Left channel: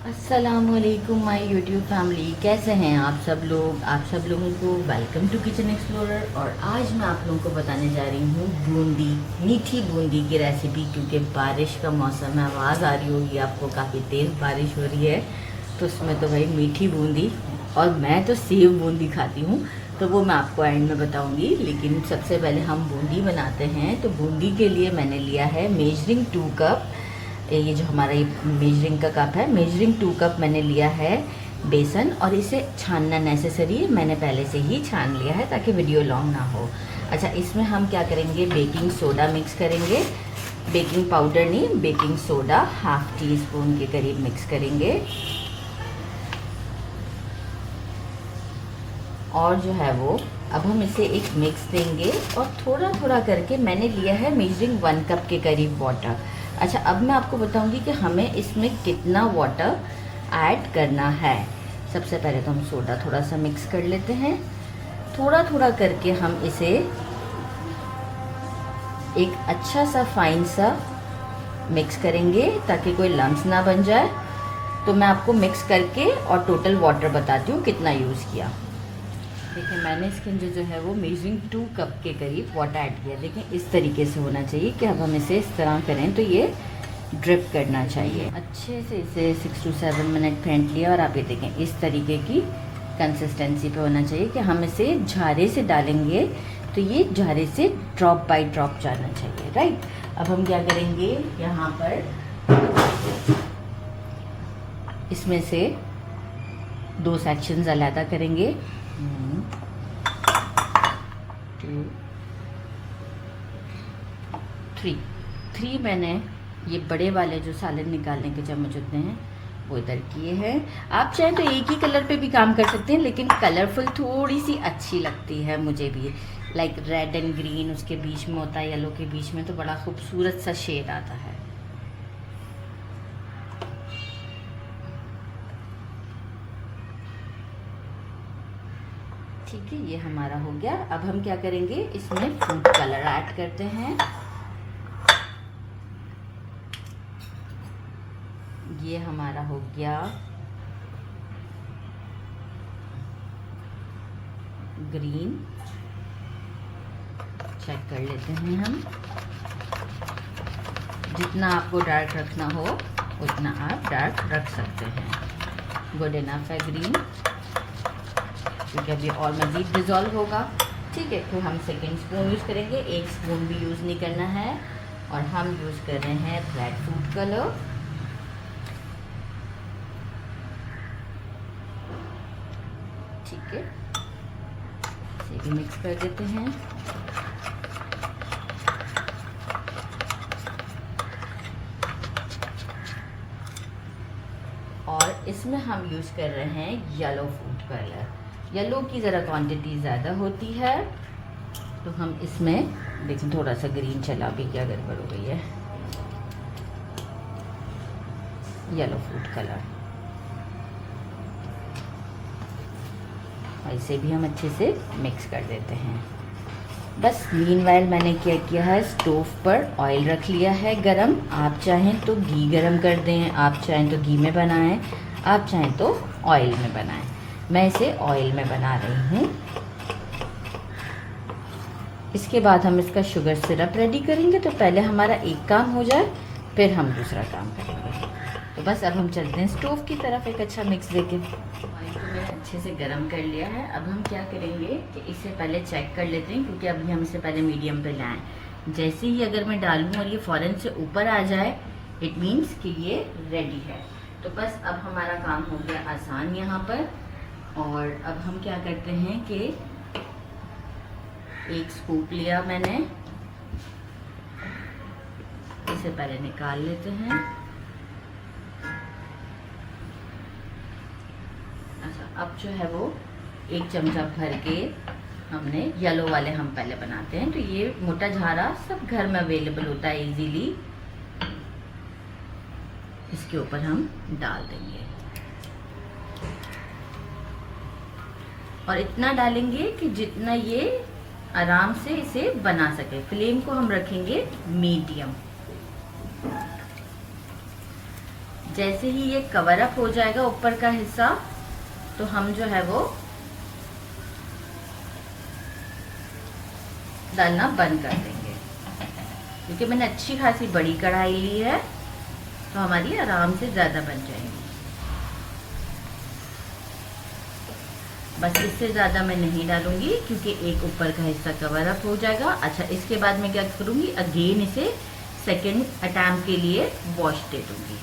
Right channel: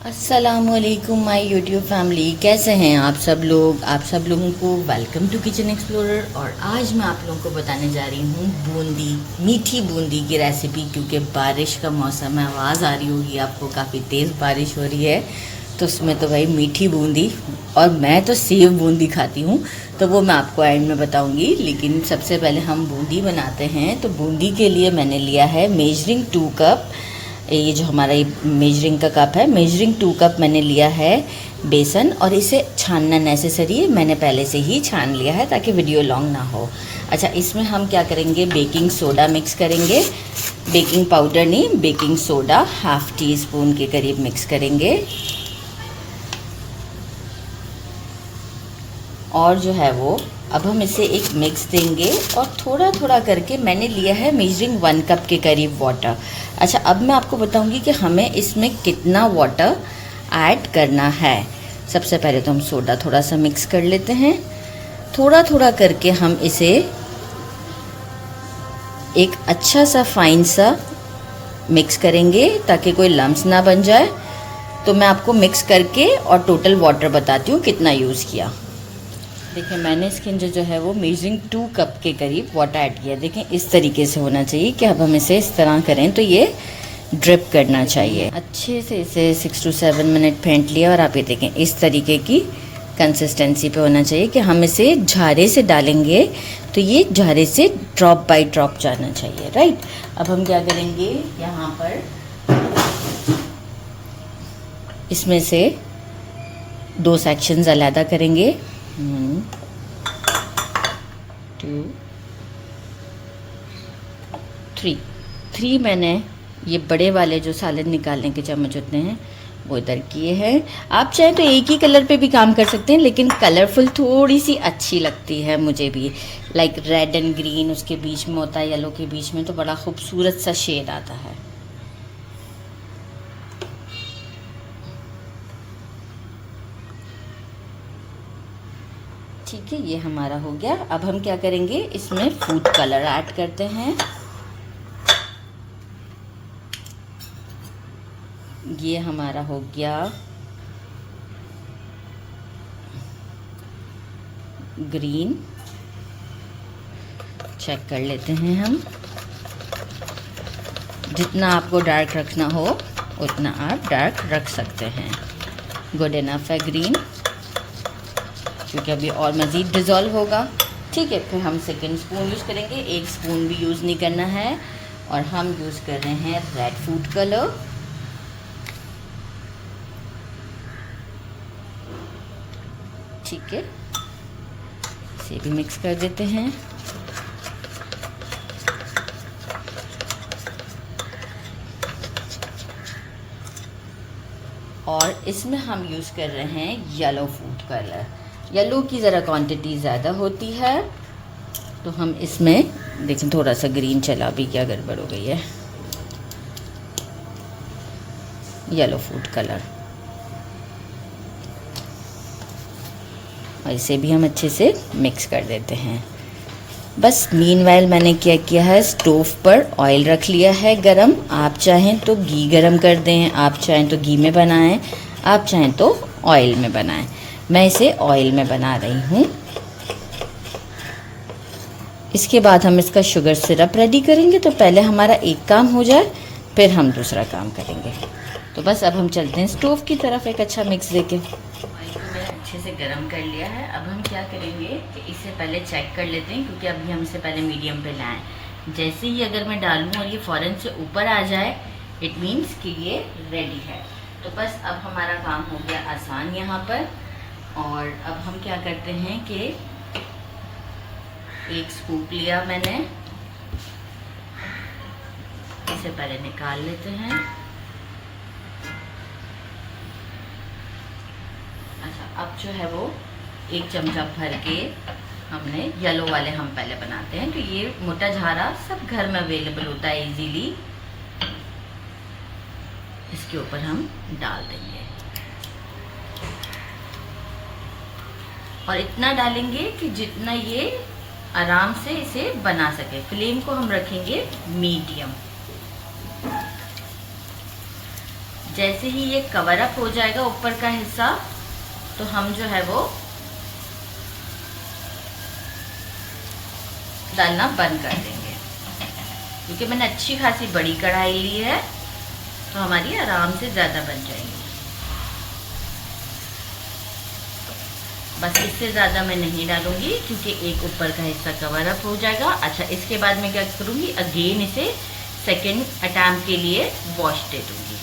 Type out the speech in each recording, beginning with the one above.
अस्सलामुअलैकुम my YouTube family, कैसे हैं आप सब लोग। आप सब लोगों को वेलकम टू किचन एक्सप्लोरर। और आज मैं आप लोगों को बताने जा रही हूँ बूंदी, मीठी बूंदी की रेसिपी। क्योंकि बारिश का मौसम है, आवाज़ आ रही होगी आपको, काफ़ी तेज़ बारिश हो रही है, तो उसमें तो भाई मीठी बूंदी। और मैं तो सेव बूंदी खाती हूँ, तो वो मैं आपको एंड में बताऊँगी। लेकिन सबसे पहले हम बूंदी बनाते हैं। तो बूंदी के लिए मैंने लिया है मेजरिंग 2 कप। ये जो हमारा ये मेजरिंग का कप है, मेजरिंग 2 कप मैंने लिया है बेसन। और इसे छानना नेसेसरी है, मैंने पहले से ही छान लिया है ताकि वीडियो लॉन्ग ना हो। अच्छा, इसमें हम क्या करेंगे, बेकिंग सोडा मिक्स करेंगे। बेकिंग पाउडर नहीं, baking soda half tea spoon के करीब मिक्स करेंगे। और जो है वो अब हम इसे एक मिक्स देंगे और थोड़ा थोड़ा करके मैंने लिया है मेजरिंग 1 कप के करीब वाटर। अच्छा, अब मैं आपको बताऊंगी कि हमें इसमें कितना वाटर ऐड करना है। सबसे पहले तो हम सोडा थोड़ा सा मिक्स कर लेते हैं। थोड़ा थोड़ा करके हम इसे एक अच्छा सा फाइन सा मिक्स करेंगे ताकि कोई लम्स ना बन जाए। तो मैं आपको मिक्स करके और टोटल वाटर बताती हूँ कितना यूज़ किया। देखिए, मैंने इसके अंदर जो है वो मेजरिंग 2 कप के करीब वाटर ऐड किया। देखिए, इस तरीके से होना चाहिए कि अब हम इसे इस तरह करें तो ये ड्रिप करना चाहिए। अच्छे से इसे 6 to 7 मिनट फेंट लिया और आप ये देखें इस तरीके की कंसिस्टेंसी पे होना चाहिए कि हम इसे झारे से डालेंगे तो ये झारे से ड्रॉप बाय ड्रॉप जाना चाहिए। राइट, अब हम क्या करेंगे, यहाँ पर इसमें से 2 सेक्शंस अलहदा करेंगे। 2 3 मैंने ये बड़े वाले जो सालन निकालने के चम्मच होते हैं वो इधर किए हैं। आप चाहें तो एक ही कलर पे भी काम कर सकते हैं, लेकिन कलरफुल थोड़ी सी अच्छी लगती है मुझे भी। लाइक रेड एंड ग्रीन उसके बीच में होता है, येलो के बीच में, तो बड़ा खूबसूरत सा शेड आता है। ठीक है, ये हमारा हो गया। अब हम क्या करेंगे, इसमें फूड कलर ऐड करते हैं। ये हमारा हो गया ग्रीन। चेक कर लेते हैं हम, जितना आपको डार्क रखना हो उतना आप डार्क रख सकते हैं। गुड इनफ है ग्रीन, क्योंकि अभी और मज़ीद डिज़ोल्व होगा। ठीक है, फिर हम सेकेंड स्पून यूज़ करेंगे। 1 स्पून भी यूज़ नहीं करना है। और हम यूज़ कर रहे हैं रेड फूड कलर। ठीक है, इसे भी मिक्स कर देते हैं। और इसमें हम यूज़ कर रहे हैं येलो फूड कलर। येलो की ज़रा क्वांटिटी ज़्यादा होती है, तो हम इसमें देखें थोड़ा सा ग्रीन चला भी, क्या गड़बड़ हो गई है। येलो फूड कलर, और इसे भी हम अच्छे से मिक्स कर देते हैं। बस मीनवाइल मैंने क्या किया है, स्टोव पर ऑयल रख लिया है गरम। आप चाहें तो घी गरम कर दें, आप चाहें तो घी में बनाएं, आप चाहें तो ऑयल में बनाएं। मैं इसे ऑयल में बना रही हूँ। इसके बाद हम इसका शुगर सिरप रेडी करेंगे। तो पहले हमारा एक काम हो जाए, फिर हम दूसरा काम करेंगे। तो बस अब हम चलते हैं स्टोव की तरफ एक अच्छा मिक्स देके। ऑयल को मैंने अच्छे से गरम कर लिया है। अब हम क्या करेंगे कि इसे पहले चेक कर लेते हैं, क्योंकि अभी हम इसे पहले मीडियम पे लाएं। जैसे ही अगर मैं डालूं और ये फ़ौरन से ऊपर आ जाए, इट मीन्स कि ये रेडी है। तो बस अब हमारा काम हो गया आसान यहाँ पर। और अब हम क्या करते हैं कि एक स्कूप लिया मैंने, इसे पहले निकाल लेते हैं। अच्छा, अब जो है वो 1 चमचा भर के हमने येलो वाले हम पहले बनाते हैं। तो ये मोटा झारा सब घर में अवेलेबल होता है इजीली। इसके ऊपर हम डाल देंगे और इतना डालेंगे कि जितना ये आराम से इसे बना सके। फ्लेम को हम रखेंगे मीडियम। जैसे ही ये कवर अप हो जाएगा ऊपर का हिस्सा, तो हम जो है वो डालना बंद कर देंगे। क्योंकि मैंने अच्छी खासी बड़ी कढ़ाई ली है, तो हमारी आराम से ज़्यादा बन जाएंगी। बस इससे ज़्यादा मैं नहीं डालूंगी, क्योंकि एक ऊपर का हिस्सा कवर अप हो जाएगा। अच्छा, इसके बाद मैं क्या करूँगी, अगेन इसे सेकेंड अटैम्प्ट के लिए वॉश दे दूँगी।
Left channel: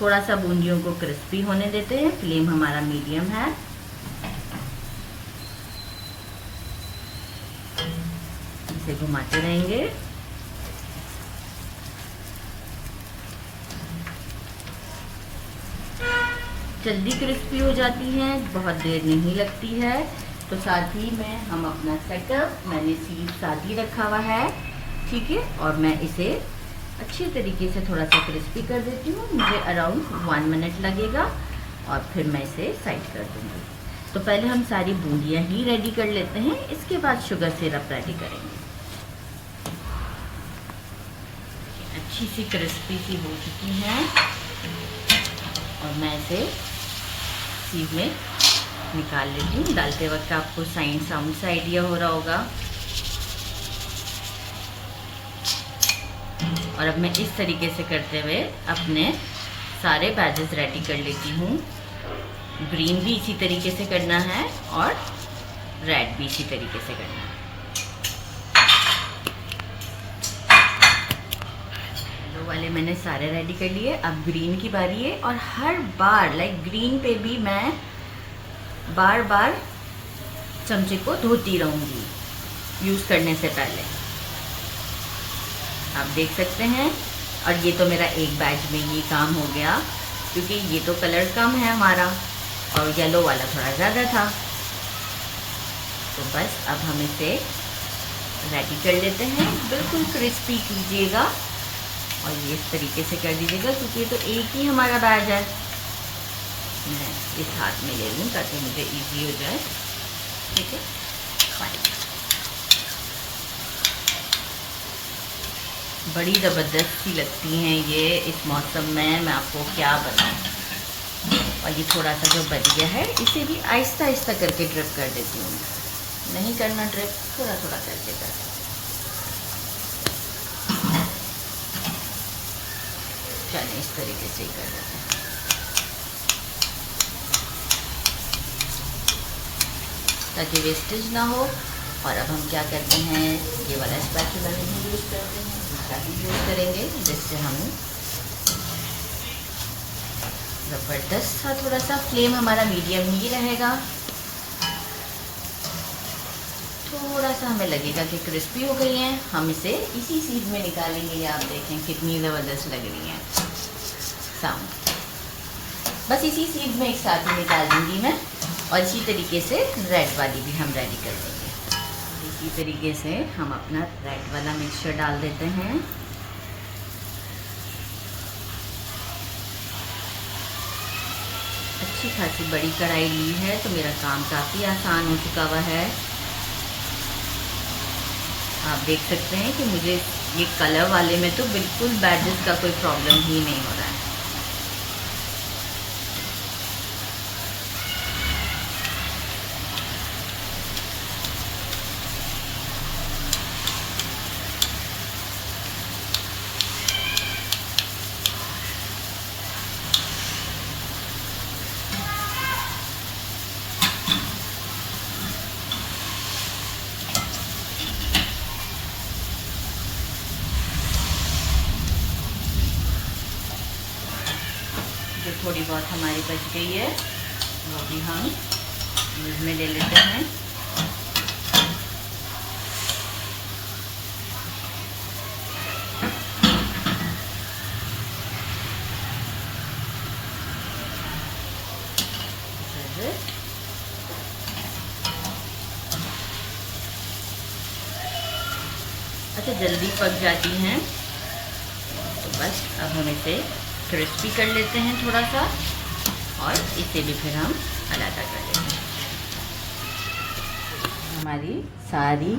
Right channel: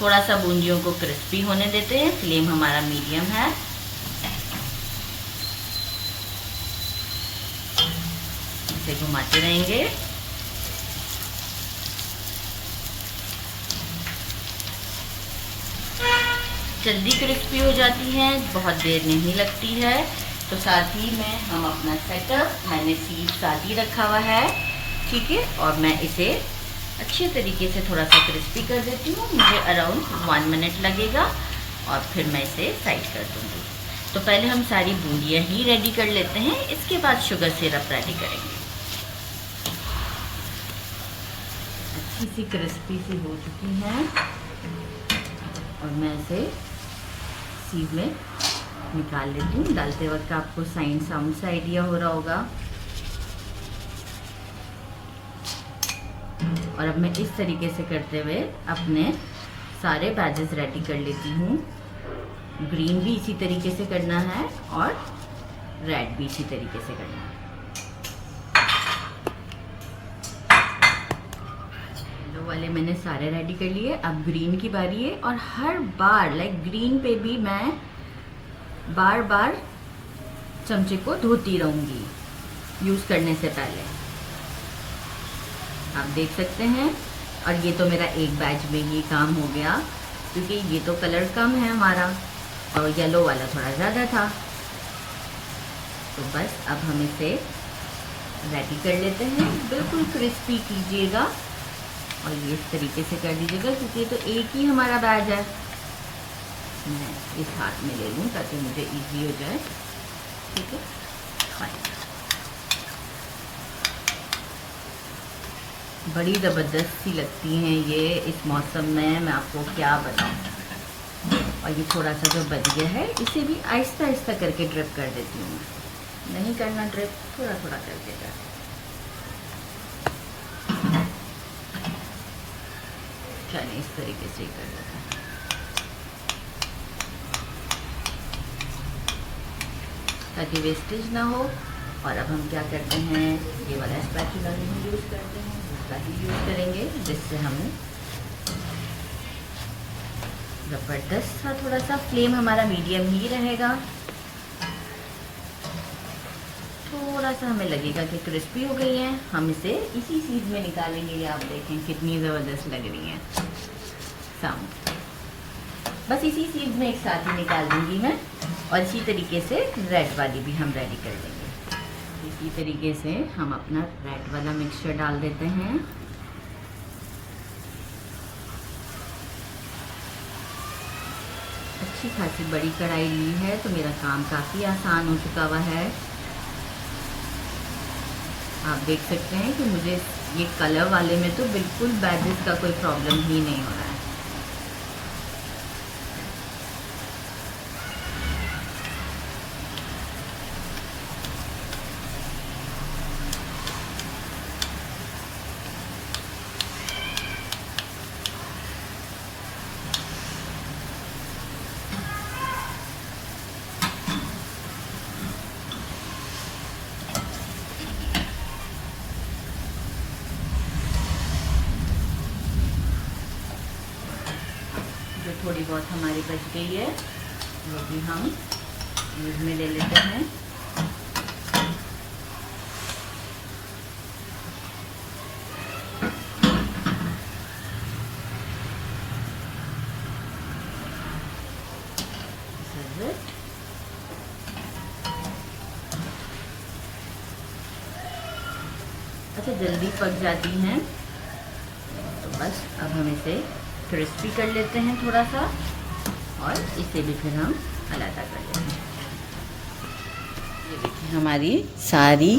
थोड़ा सा बूंदियों को क्रिस्पी होने देते हैं। फ्लेम हमारा मीडियम है। इसे घुमाते रहेंगे। जल्दी क्रिस्पी हो जाती हैं, बहुत देर नहीं लगती है। तो साथ ही में हम अपना सेटअप, मैंने सीध साथ ही रखा हुआ है, ठीक है। और मैं इसे अच्छे तरीके से थोड़ा सा क्रिस्पी कर देती हूँ। मुझे अराउंड 1 मिनट लगेगा और फिर मैं इसे साइड कर दूँगी। तो पहले हम सारी बूंदियाँ ही रेडी कर लेते हैं, इसके बाद शुगर सिरप रेडी करेंगे। अच्छी सी क्रिस्पी सी हो चुकी हैं और मैं इसे सीध में निकाल लेती हूँ। डालते वक्त आपको साउंड से आइडिया हो रहा होगा। और अब मैं इस तरीके से करते हुए अपने सारे बैचेस रेडी कर लेती हूँ। ग्रीन भी इसी तरीके से करना है और रेड भी इसी तरीके से करना है। येलो वाले मैंने सारे रेडी कर लिए। अब ग्रीन की बारी है और हर बार ग्रीन पे भी मैं बार बार चमचे को धोती रहूँगी यूज़ करने से पहले। आप देख सकते हैं। और ये तो मेरा एक बैच में ही काम हो गया, क्योंकि ये तो कलर कम है हमारा और येलो वाला थोड़ा ज़्यादा था। तो बस अब हम इसे रेडी कर लेते हैं। बिल्कुल क्रिस्पी कीजिएगा और ये इस तरीके से कर दीजिएगा, क्योंकि ये तो एक ही हमारा बैच है। मैं इस हाथ में ले लूँ ताकि मुझे इजी हो जाए, ठीक है। बड़ी ज़बरदस्त सी लगती हैं ये इस मौसम में, मैं आपको क्या बताऊं। और ये थोड़ा सा जो बच गया है, इसे भी आहिस्ता आहिस्ता करके ड्रिप कर देती हूँ। नहीं करना ड्रिप, थोड़ा थोड़ा करके कर। चलिए इस तरीके से ही कर देते हैं। ताकि वेस्टेज ना हो। और अब हम क्या करते हैं, ये वाला स्पैचुला नहीं यूज़ करते हैं, दूसरा ही यूज़ करेंगे, जिससे हम ज़बरदस्त सा, थोड़ा सा फ्लेम हमारा मीडियम ही रहेगा। थोड़ा सा हमें लगेगा कि क्रिस्पी हो गई हैं, हम इसे इसी सीध में निकालेंगे। आप देखें कितनी ज़बरदस्त लग रही हैं साउंड। बस इसी सीध में एक साथ ही निकाल दूँगी मैं। और इसी तरीके से रेड वाली भी हम रेडी कर लेंगे। इसी तरीके से हम अपना रेड वाला मिक्सचर डाल देते हैं। अच्छी खासी बड़ी कढ़ाई ली है, तो मेरा काम काफ़ी आसान हो चुका हुआ है। आप देख सकते हैं कि मुझे ये कलर वाले में तो बिल्कुल बैजेस का कोई प्रॉब्लम ही नहीं हो रहा है। जो थोड़ी बहुत हमारी बच गई है वो भी हम यूज़ में ले लेते हैं। अच्छा, जल्दी पक जाती हैं, तो बस अब हम इसे क्रिस्पी कर लेते हैं थोड़ा सा और इसे भी फिर हम अलग कर लेते हैं। हमारी सारी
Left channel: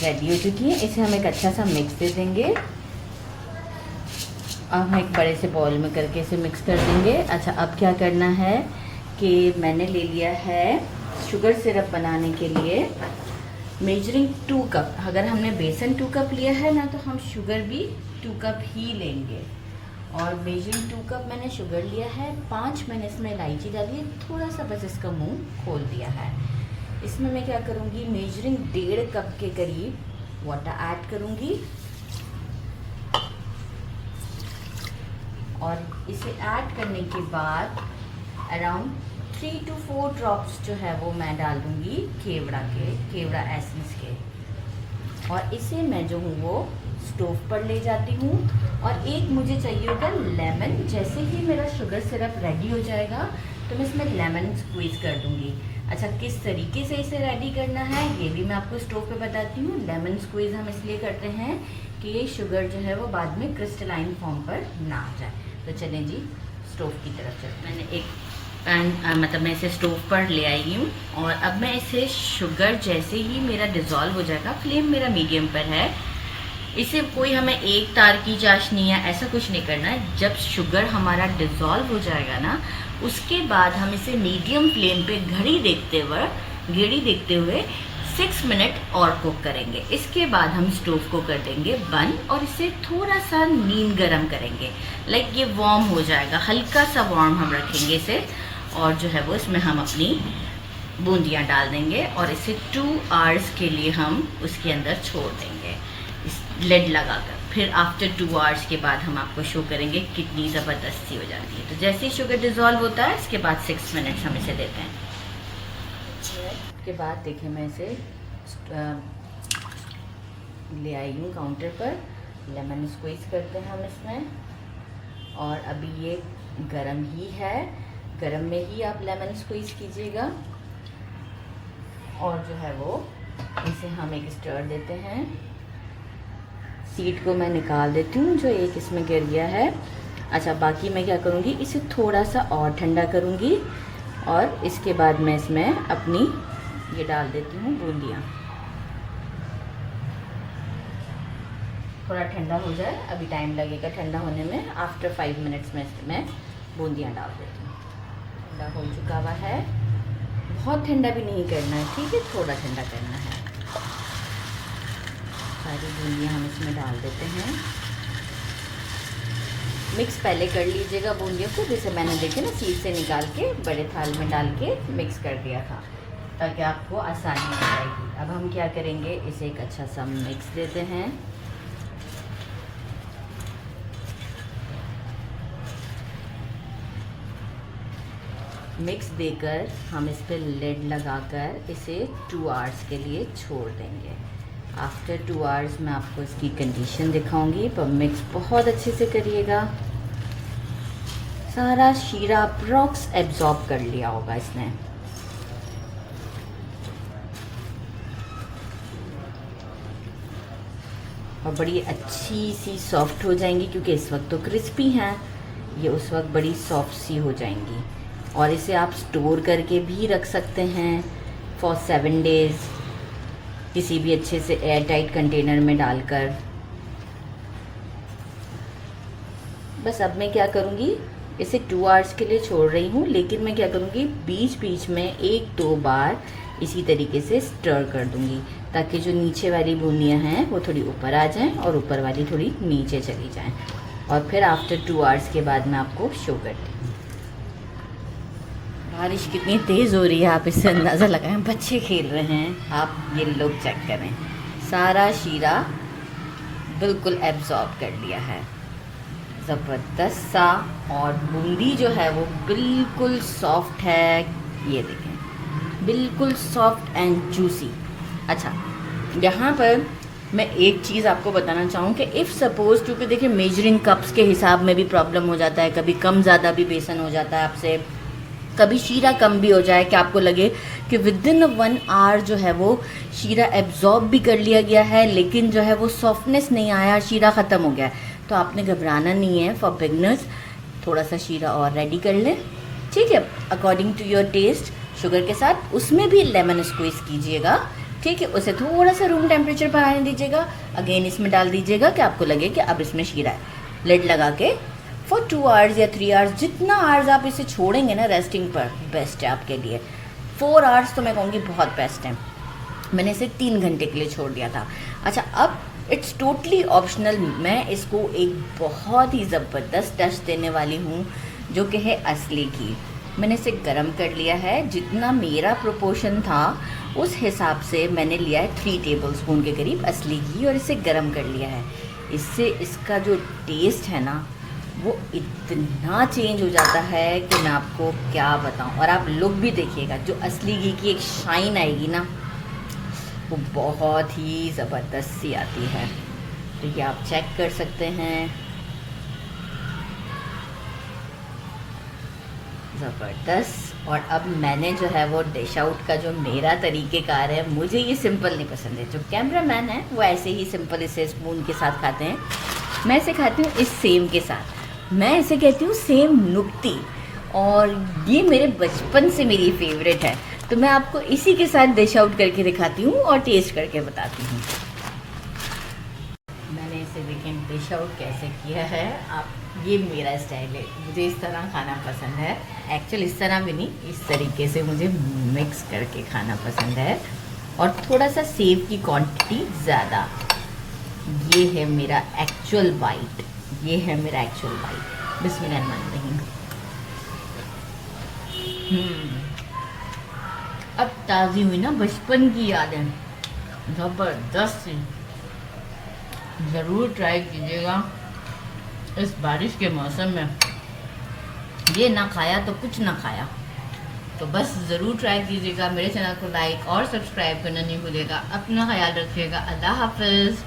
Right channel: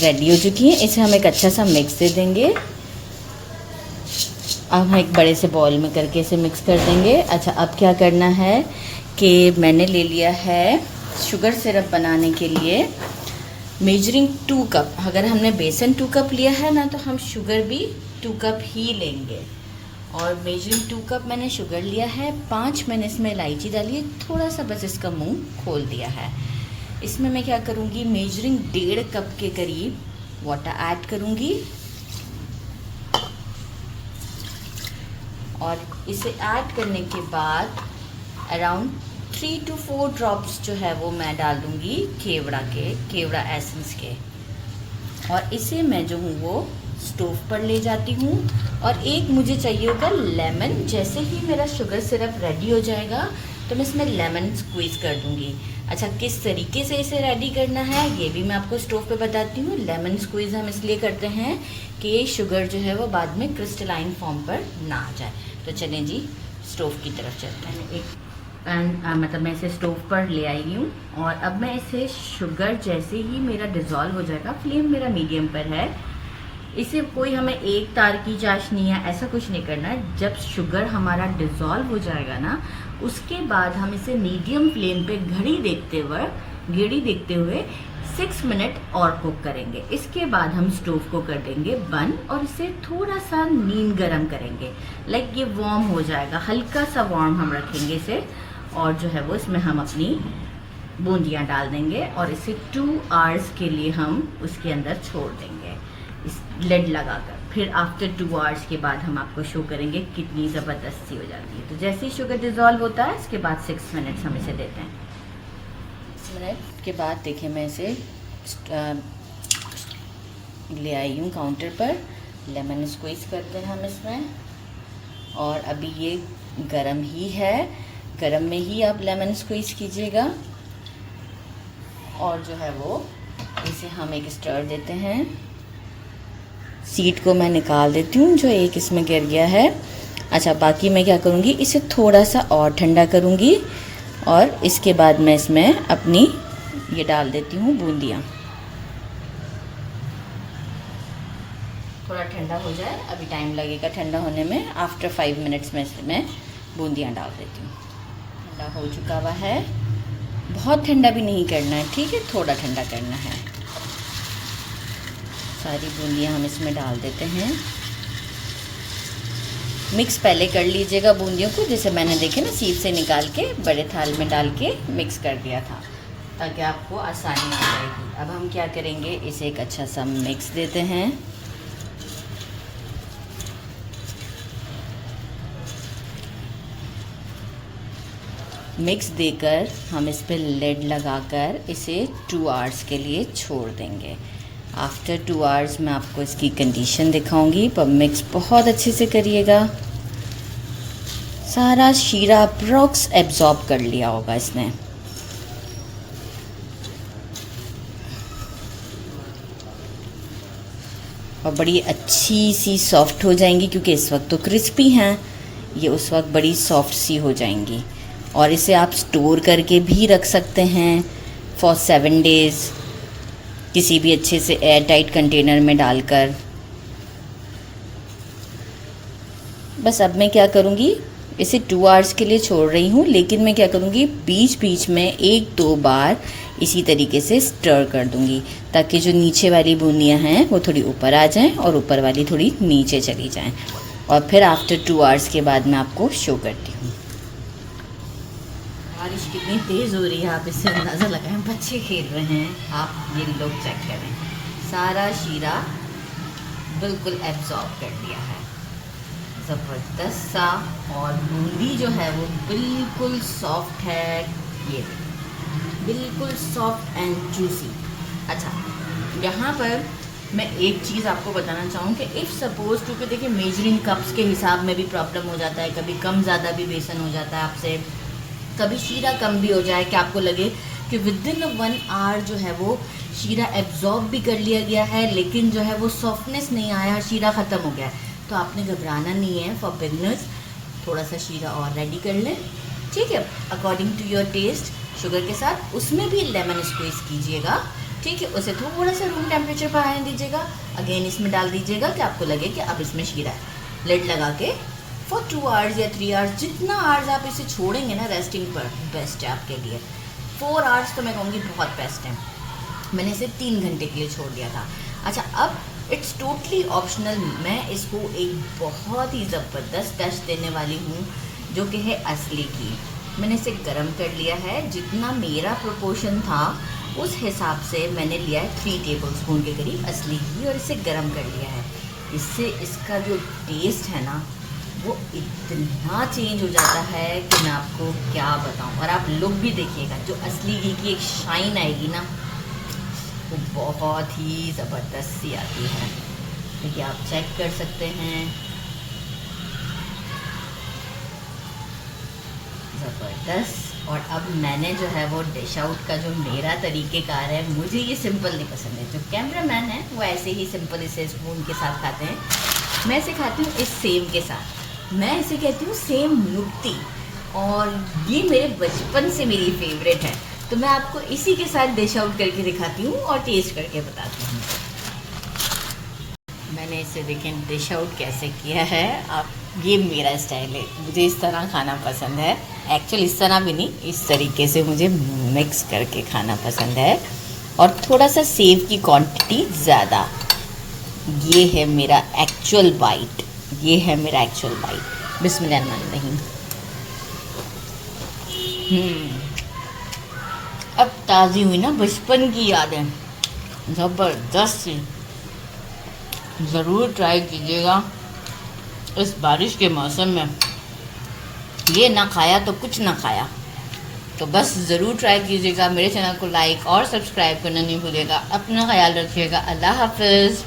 रेडी हो चुकी है। इसे हम एक अच्छा सा मिक्स दे देंगे। अब हम एक बड़े से बाउल में करके इसे मिक्स कर देंगे। अच्छा, अब क्या करना है कि मैंने ले लिया है शुगर सिरप बनाने के लिए मेजरिंग 2 कप। अगर हमने बेसन 2 कप लिया है ना, तो हम शुगर भी 2 कप ही लेंगे। और मेजरिंग 2 कप मैंने शुगर लिया है। 5 मैंने इसमें इलायची डाली है, थोड़ा सा बस इसका मुंह खोल दिया है। इसमें मैं क्या करूँगी, मेजरिंग 1.5 कप के करीब वाटर ऐड करूँगी और इसे ऐड करने के बाद अराउंड 3 to 4 ड्रॉप्स जो है वो मैं डाल दूँगी केवड़ा एसेंस के। और इसे मैं जो हूँ वो स्टोव पर ले जाती हूँ। और एक मुझे चाहिए होगा लेमन। जैसे ही मेरा शुगर सिरप रेडी हो जाएगा तो मैं इसमें लेमन स्क्वीज़ कर दूँगी। अच्छा, किस तरीके से इसे रेडी करना है ये भी मैं आपको स्टोव पे बताती हूँ। लेमन स्क्वीज़ हम इसलिए करते हैं कि शुगर जो है वो बाद में क्रिस्टलाइन फॉर्म पर ना आ जाए। तो चलें जी, स्टोव की तरफ चलते हैं। मैंने एक पैन मतलब मैं इसे स्टोव पर ले आई हूँ और अब मैं इसे शुगर जैसे ही मेरा डिज़ोल्व हो जाएगा, फ्लेम मेरा मीडियम पर है, इसे कोई हमें एक तार की चाशनी या ऐसा कुछ नहीं करना है। जब शुगर हमारा डिज़ोल्व हो जाएगा ना, उसके बाद हम इसे मीडियम फ्लेम पे घड़ी देखते हुए 6 मिनट और कुक करेंगे। इसके बाद हम स्टोव को कर देंगे बंद और इसे थोड़ा सा नीम गरम करेंगे। लाइक ये वार्म हो जाएगा, हल्का सा वार्म हम रखेंगे इसे। और जो है वो इसमें हम अपनी बूंदियाँ डाल देंगे और इसे 2 आवर्स के लिए हम उसके अंदर छोड़ देंगे इस लिड लगाकर। फिर आफ्टर 2 आवर्स के बाद हम आपको शो करेंगे कितनी ज़बरदस्ती हो जाती है। तो जैसे ही शुगर डिज़ोल्व होता है, इसके बाद 6 मिनट्स हम इसे देते हैं। 6 मिनट के बाद देखिए मैं इसे ले आई हूँ काउंटर पर। लेमन स्क्वीज़ करते हैं हम इसमें। और अभी ये गरम ही है, गरम में ही आप लेमन स्क्वीज़ कीजिएगा। और जो है वो इसे हम एक स्टर देते हैं। सीड को मैं निकाल देती हूँ जो एक इसमें गिर गया है। अच्छा, बाकी मैं क्या करूँगी, इसे थोड़ा सा और ठंडा करूँगी और इसके बाद मैं इसमें अपनी ये डाल देती हूँ बूंदियाँ। थोड़ा ठंडा हो जाए, अभी टाइम लगेगा ठंडा होने में। आफ्टर 5 मिनट्स में इसमें बूंदियाँ डाल देती हूँ। ठंडा हो चुका हुआ है, बहुत ठंडा भी नहीं करना है, ठीक है, थोड़ा ठंडा करना है। सारी बूंदियाँ हम इसमें डाल देते हैं। मिक्स पहले कर लीजिएगा बूंदियों को, जैसे मैंने देखे ना सीध से निकाल के बड़े थाल में डाल के मिक्स कर दिया था, ताकि आपको आसानी हो जाएगी। अब हम क्या करेंगे, इसे एक अच्छा सा मिक्स देते हैं। मिक्स देकर हम इस पर लिड लगाकर इसे 2 आवर्स के लिए छोड़ देंगे। आफ्टर 2 आवर्स मैं आपको इसकी कंडीशन दिखाऊंगी, पर मिक्स बहुत अच्छे से करिएगा। सारा शीरा अप्रॉक्स एब्जॉर्ब कर लिया होगा इसने। और बड़ी अच्छी सी सॉफ्ट हो जाएंगी, क्योंकि इस वक्त तो क्रिस्पी हैं, ये उस वक्त बड़ी सॉफ्ट सी हो जाएंगी। और इसे आप स्टोर करके भी रख सकते हैं फॉर 7 डेज़, किसी भी अच्छे से एयर टाइट कंटेनर में डालकर। बस अब मैं क्या करूँगी, इसे 2 आवर्स के लिए छोड़ रही हूँ, लेकिन मैं क्या करूँगी, बीच बीच में 1-2 बार इसी तरीके से स्टर कर दूँगी, ताकि जो नीचे वाली बूंदियाँ हैं वो थोड़ी ऊपर आ जाएं और ऊपर वाली थोड़ी नीचे चली जाएं। और फिर आफ्टर 2 आवर्स के बाद मैं आपको शो करती हूँ। बारिश कितनी तेज़ हो रही है, आप इससे अंदाज़ा लगाएं। बच्चे खेल रहे हैं, आप ये लोग चेक करें। सारा शीरा बिल्कुल एब्जॉर्ब कर लिया है, ज़बरदस्त सा। और बूंदी जो है वो बिल्कुल सॉफ्ट है, ये देखें, बिल्कुल सॉफ्ट एंड जूसी। अच्छा, यहाँ पर मैं एक चीज़ आपको बताना चाहूँ कि इफ़ सपोज़, क्योंकि देखिए मेजरिंग कप्स के हिसाब में भी प्रॉब्लम हो जाता है, कभी कम ज़्यादा भी बेसन हो जाता है आपसे, कभी शीरा कम भी हो जाए कि आपको लगे कि विदिन 1 आवर जो है वो शीरा एब्जॉर्ब भी कर लिया गया है, लेकिन जो है वो सॉफ्टनेस नहीं आया, शीरा ख़त्म हो गया है, तो आपने घबराना नहीं है। फॉर बिगनर्स थोड़ा सा शीरा और रेडी कर लें, ठीक है, according to your taste, sugar के साथ। उसमें भी लेमन स्क्वीज़ कीजिएगा, ठीक है, उसे थोड़ा सा रूम टेम्परेचर पर आने दीजिएगा। अगेन इसमें डाल दीजिएगा कि आपको लगे कि अब इसमें शीरा है। लिड लगा के फॉर 2 आवर्स या 3 आवर्स, जितना आवर्स आप इसे छोड़ेंगे ना रेस्टिंग पर, बेस्ट है आपके लिए। 4 आवर्स तो मैं कहूँगी बहुत बेस्ट है। मैंने इसे 3 घंटे के लिए छोड़ दिया था। अच्छा, अब इट्स टोटली ऑप्शनल, मैं इसको एक बहुत ही ज़बरदस्त टच देने वाली हूँ जो कि है असली घी। मैंने इसे गरम कर लिया है, जितना मेरा प्रोपोर्शन था उस हिसाब से मैंने लिया है 3 टेबल स्पून के करीब असली घी और इसे गरम कर लिया है। इससे इसका जो टेस्ट है ना वो इतना चेंज हो जाता है कि मैं आपको क्या बताऊं। और आप लुक भी देखिएगा, जो असली घी की एक शाइन आएगी ना वो बहुत ही ज़बरदस्त सी आती है। तो ये आप चेक कर सकते हैं, ज़बरदस्त। और अब मैंने जो है वो डिश आउट का जो मेरा तरीक़ेकार है, मुझे ये सिंपल नहीं पसंद है। जो कैमरामैन है वो ऐसे ही सिंपल इसे स्पून के साथ खाते हैं, मैं इसे खाती हूँ इस सेम के साथ। मैं इसे कहती हूँ सेम नुक्ती, और ये मेरे बचपन से मेरी फेवरेट है। तो मैं आपको इसी के साथ डिश आउट करके दिखाती हूँ और टेस्ट करके बताती हूँ। मैंने इसे देखें डिश आउट कैसे किया है। आप, ये मेरा स्टाइल है, मुझे इस तरह खाना पसंद है। एक्चुअली इस तरह भी नहीं, इस तरीके से मुझे मिक्स करके खाना पसंद है, और थोड़ा सा सेव की क्वांटिटी ज़्यादा। ये है मेरा एक्चुअल बाइट, ये है मेरा एक्चुअल बाइट। बिस्मिल्लाहिर्रहमानिर्रहीम। अब ताज़ी हुई ना बचपन की यादें, ज़बरदस्त सी। ज़रूर ट्राई कीजिएगा इस बारिश के मौसम में। ये ना खाया तो कुछ ना खाया, तो बस ज़रूर ट्राई कीजिएगा। मेरे चैनल को लाइक और सब्सक्राइब करना नहीं भूलिएगा। अपना ख्याल रखिएगा। अल्लाह हाफ़िज़।